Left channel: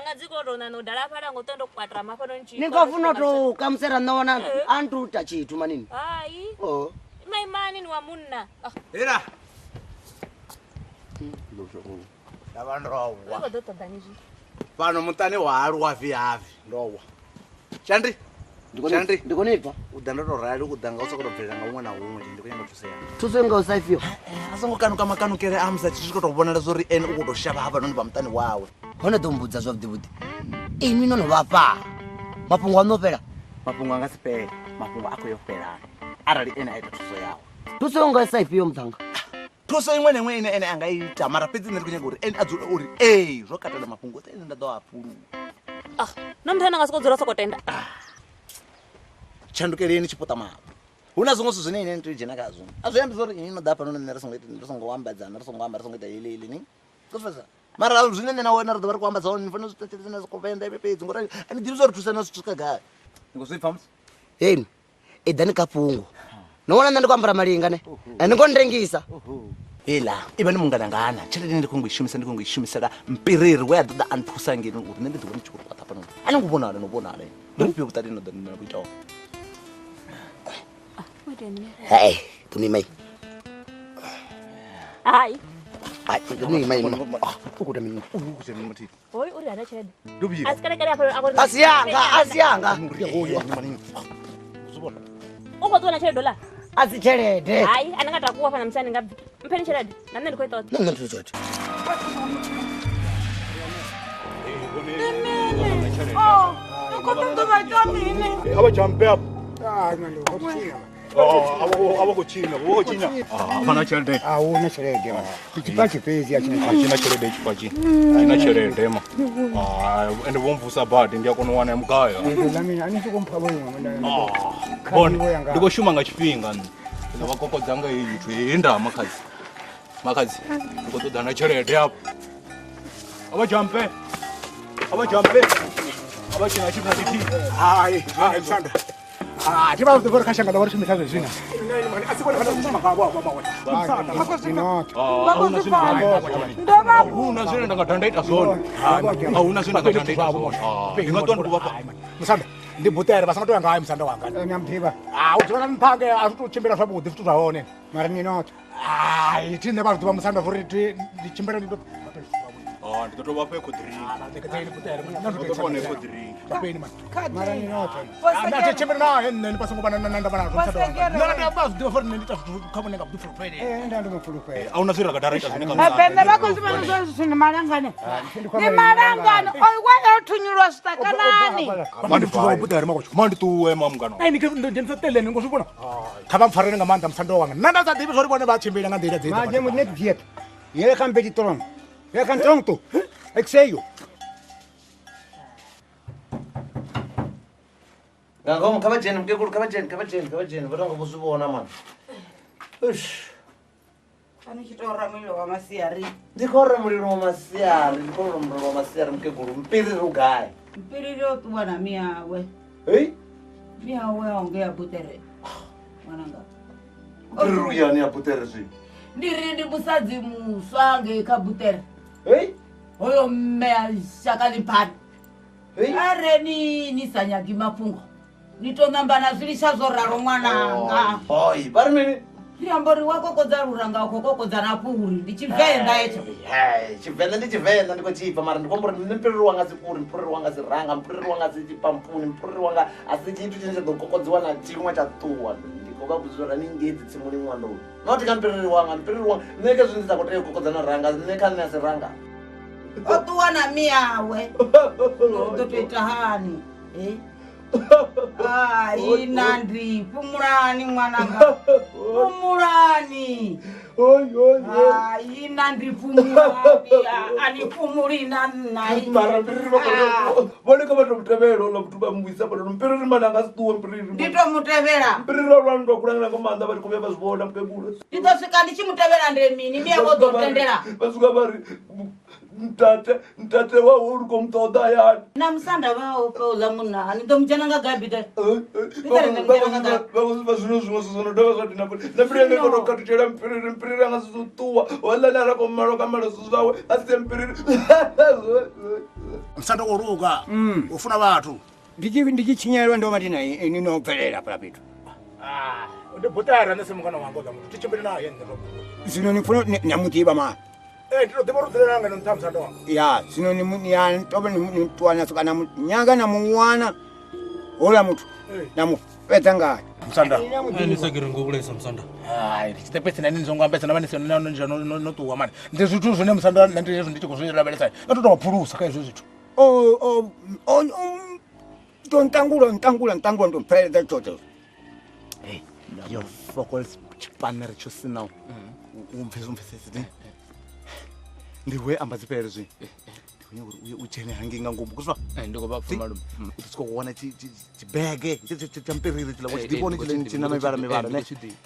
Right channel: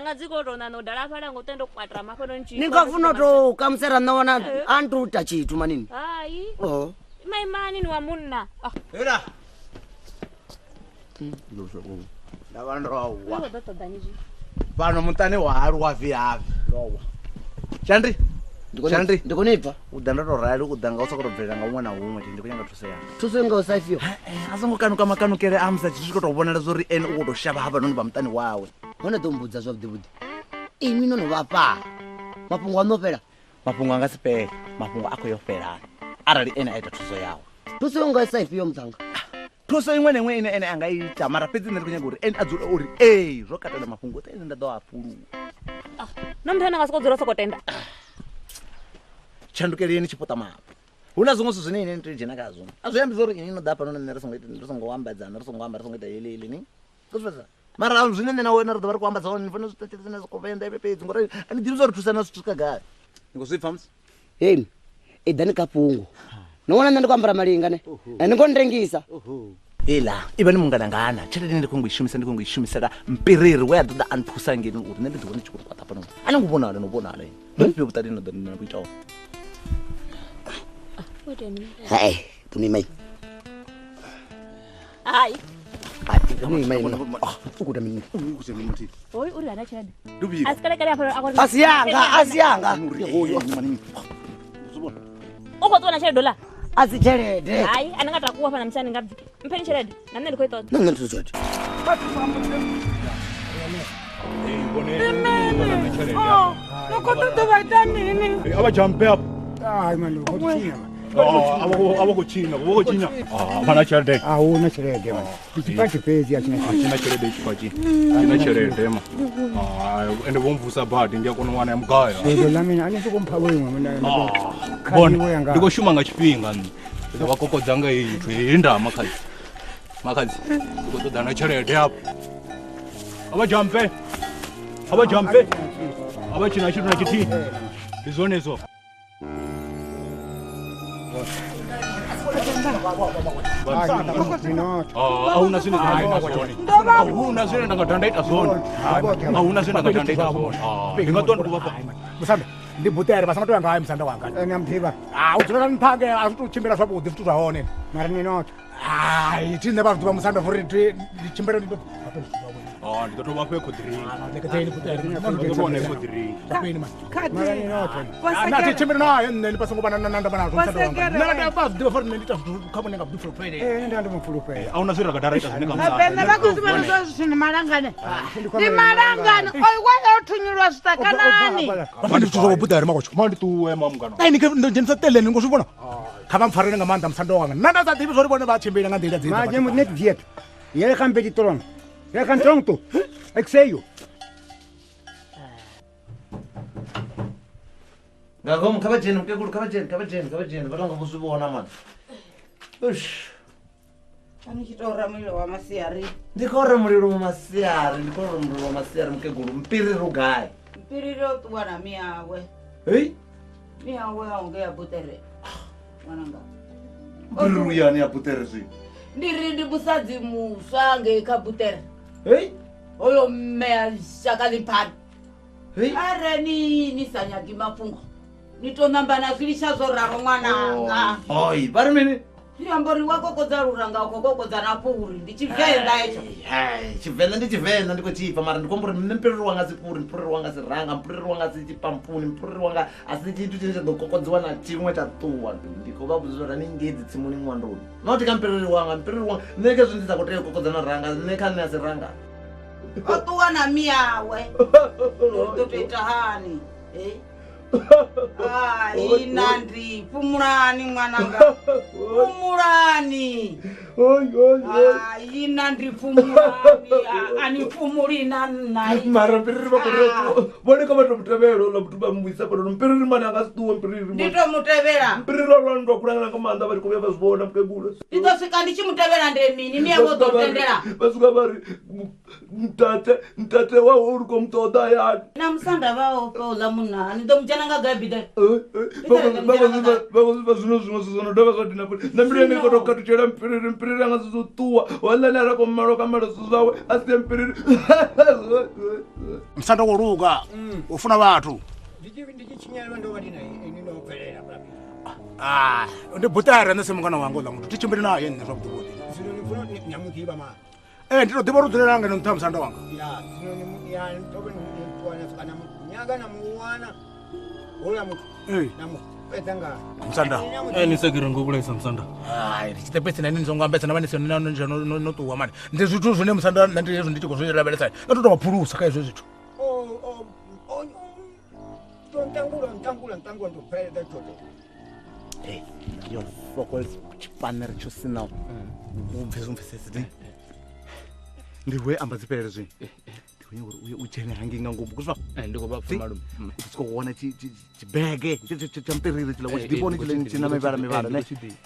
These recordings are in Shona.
dzanga dziko rona no dala pala ngotendo kwatra mafano nchi ningafuna to kamsera naona antu tachitu manini hai oh mai mani ni wa munna era ndosho ndavandrowa pano mutane waarwa viavi rowa chandri ndikonipa udandatorari udanga usakurobvera ngaumwe na umwe ndikunyanga tusea tusenga usaifio asangokanuka makanukere amza chichikotobonera zori eni ukutoshava hapa noni pamutani wawe vanotombudza zvavudivudi imi nonovapa mapungu anopera mapungu angasipera mapungu ako yofera arali eni aita tuso yawo tusenga usaifio mutanga tuso imwe nemwe ene angaita mara pedzi ndikunyanga kuti eni adzore uri zvokatala mapungu oti eni ndadawapulu nomthana ngasikodzora sokotenda chandukeleni chipota mapa una zvimwe zvinhu zvine ine nditoijena kazvo azviyambi zori ini inoda pano nerisongowambadzana risongoita ilili ni kuzvesa mara zvine nenawe narodza vari kuambadzawo nifana zvitateenaskovaenda ipepedzi ngori andidzivi zori tusana zvitusakagara ngozvipfamsi yeni edhani kapungu noona nandikwambara malinga ne andikondrengisa ela ive ni munganangana cheleni ndikungoishumisira mpiriri weadada antusangeni kuti nendidzione chikuru kwatapano anangubonale nobonale ndipeutatinokuitawo hai kuni mai hai kuni mai ukuta mini oi uri ana chende dubi asikala hapo asiyanga hoyo ukotona chende dola azichelede hai anangatakuwa fana msani ngapi mpeni chende namne ndikoita nanga tuzote abajampe abakuchina hana cherede una cherede chipachi pezi achina cherede chipachi achina cherede ma ende bomvusa badi ndiyakunowana emkaya ndo lamina anisikumpa wewe bona ndikoshuma ngachipinga ndavakokodzanga ithu inda makadzi kutudana cherede apo abajampe abachina chiti hai izonizo chiba kuzikora kashanga ndawari chimisazo zvina auna zvine ndakatandaita zoni auna zvine ndakatandaita zoni ndingatoni kuvapa musanda ndibhutere vasangatoya ngayo musanda wanga nyampiva udzora mpange azitochimbira zvabudi tuzvaone mara ninoti hai tine vanhu diva musanda vuri ndichimbira ndido ndikatova kwekudhiringi mara ninoti nati chimbira naye neni pasangova nandavanazo musanda wanga nakadabazidiva fori nendita kabonenga bdifurupere ndandimufurupere auna zvine rakadaraita zvine mapenda vakuzimana zvazvino marangana imarangano oiwaya uthunyirwa zvitakanani vandituzovabuda ri makocho mandituwe mamungano ndinisakuteleni ngozvibona kavamfarire ngamanda musanda wanga nandasadivi zvori vone vachimbira ngandira dzenetvietu yerekambetitorona yekantonto exeyo ngakomo kavajeni mkekulu kavajeni vanonga muzvivona mwana anichitora muliro wamasiyari ndikaurira muliro wamasiyari mkekulu mpiriri rugayi mpiriri otuwana miyawe hei miyawe aunge yabutere mwananga mpiriri uyani yabutere zvi ndiri ndi musadzi muswa ngekabutere hei oyo mmea shakalimpani hei areni nisanyagi mafungo nitonambana zvilishazoraro mwananga oi pari mini ndiyambori wakokodza ruranga kokokodza napuri ndichivhenda icho chivhenda ndichivhenda ndikochipa mara ndikombori nempiriri wanga sipuri mpuriri wanga siranga mpuriri wanga sichipampuni mpuriri wanga asi chitu chinochagokokodziwa nachimwe chatuwa ndikokabuzora ningedzi tsimuni mwandoni noti kampiriri wanga neke zvindiza kuteye kokodzana ranga nekane asiranga otuwana miyawe totoita hani inandi pumurani mwananga pumurani inandi pumurani anipumurina nai mara mpiriri voneka vatomutevero nokutuba muisa pano mpiriri mani angasituwa mpiriri nditomutevera mpiriri vanondokulangana ngomanza vari kuve vazivona mukegula nditosvika ndichimutevera ndemini miyakozotendera vasuka vari mtate wauri komutoda yani namusanda vaopeula munani ndomuchananga gabhida vazvino zvino zvinodava zvadina namirenge konokatutera mpiriri mpiriri anga si ṱuwa walani a rako malo ka malo zwithu zwawe a si mpiriri Musanda wo luga ufuna vhathu Ndi tshinyelwa ndo mati ni no bvelela pa fhethu. ndi butare nese mungana wangu la muthu tichimbele naye nne mabudu Zwino ni funa nyamutiva ma. ndi to ḓivha uri dzulela nga ni nṱha musanda wanga Ya, zwino ni ya tobe ni twana kana nyanga na muwana. Hola muthu. Na mu fedza ngayo. musanda ni segere ngokulesa msanda ndi chitepesi nani ndizongwambesa na vanisi no ṱuwa mani ndi zwithu zwine musanda ndi hezwi ndi tshi khou zwi lavhelesa a to phulusa kha hezwo zwithu Ntangula ndo mpheledza toto. Yo focus chipanere cho sina umfesezi ndiwe amba dzipelele zwi uye uchene hangi nga ngomu kuzwa ndiko bapfuma lo siko kuona chibege champiriri tila wachidiponi china mevara ne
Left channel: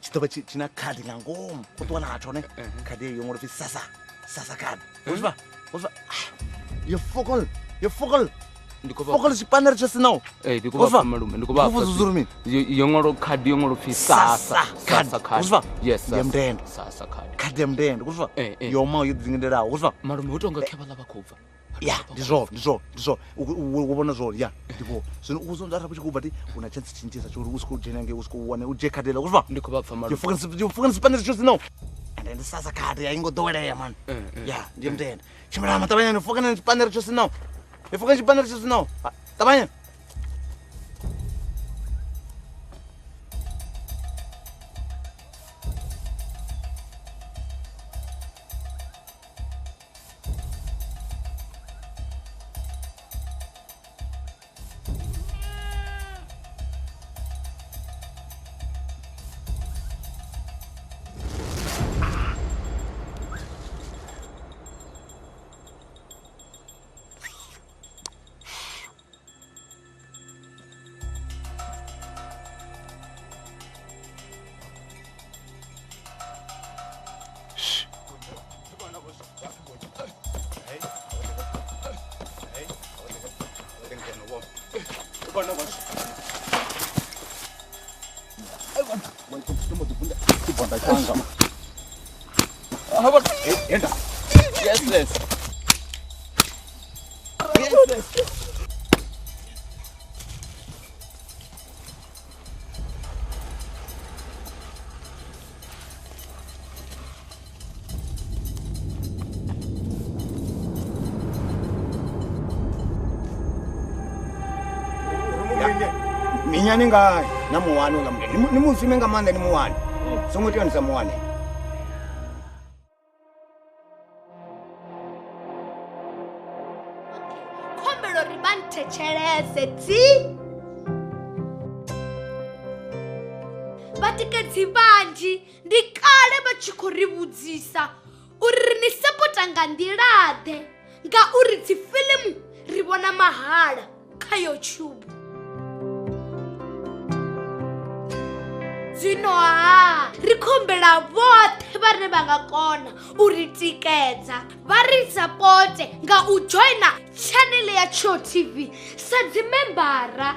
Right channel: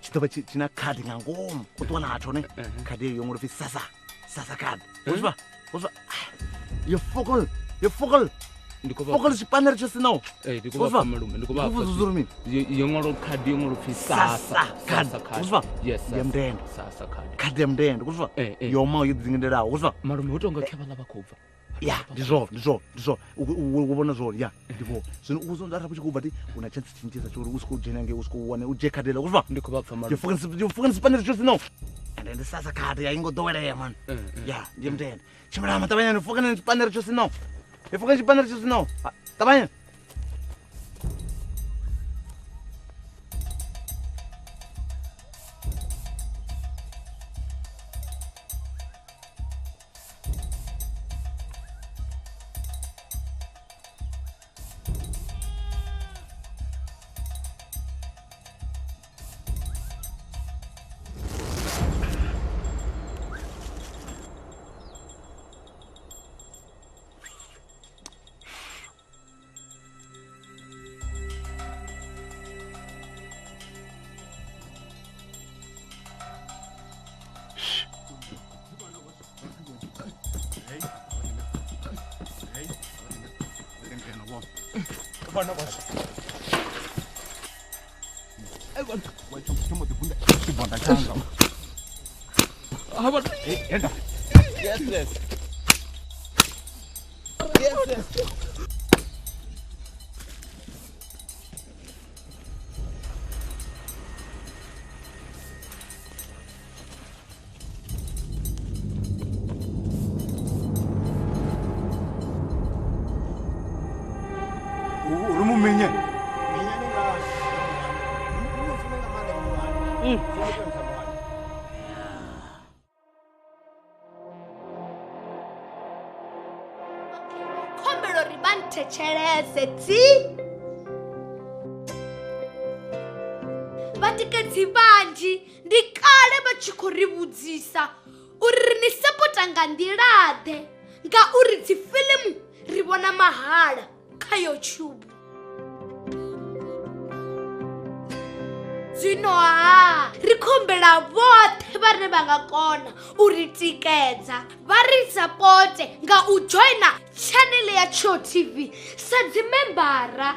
chitava china khadi nga ngomu kutona hacho ne khadi yo ngorofi sasa khadi kuzwa yo focal ndiko chipanere cho sina ndiko bapfuma lo ndiko bapfuma yongolo khadi yongolo fi sasa khadi yes sasa khadi ya mndende kuzwa yoma yidzingendelawo kuzwa malume utonga kheva lava khobva ya ndizo ubona zvo ya ndipo zvino uzondara kuchikuba ti una chance chincheza chori usikudinange usikuwana ujekadela kuzva ndiko bapfa malume you fucking spanish just now and then sasa kade ya ingodoweleya man ya ndiye mndende chimela matabanya ni fucking spanish just now you fucking spanish just now tabanya Minyani nga na muwana nga mndende. Ni mufime nga manda ni muwana. Songo nisa muwana. Kombelo ribante cheleze ti. Vatikedzi vanji ndikale vachikoribudzisa uri ni sapota nga ndilade nga uri dzifilimu rivona mahala kha YouTube. Zwino ri khombela vothe vhane vha nga kona u ri tikedza vha ri sapote nga u joina channel ya Tsho TV sa dzimembara.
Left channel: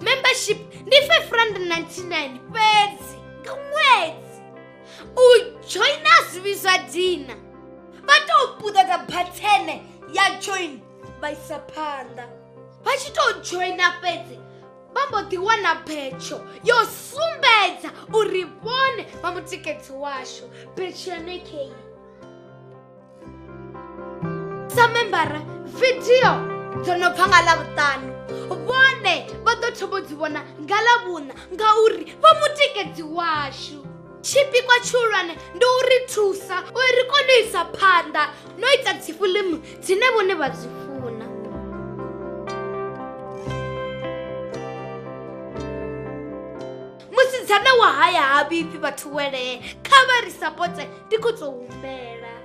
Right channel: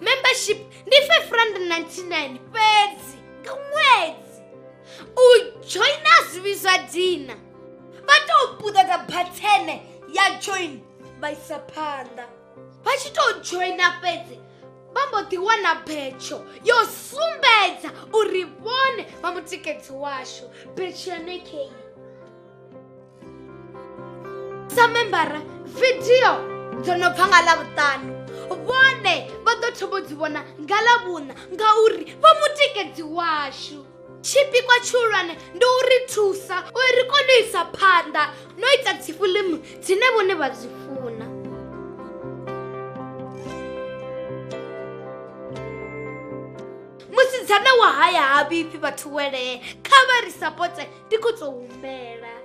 Membership ndi R599 fhedzi nga ṅwedzi. U joina zwivizwa dina vha tou puṱedza bhathene ya join vha isa phanḓa. Vha tshi tou joina fhedzi vambo ḓi wana betsho yo sumbedza uri vhone vha mutikedzi washu betsho ya nekei. Sa membara video dzo no bva nga Ḽavhuṱanu vhone vha ḓo thoma dzi vhona nga Ḽavhuṋa ngauri vha mutikedzi washu. Tshipikwa tshihulwane ndi u ri thusa uri ri kone u isa phanḓa no ita dzifilimu dzine vhone vha dzi funa. Musidzana wa haya ha vhipfi vhathu wele kha vha ri sapote ndi khou tou humela.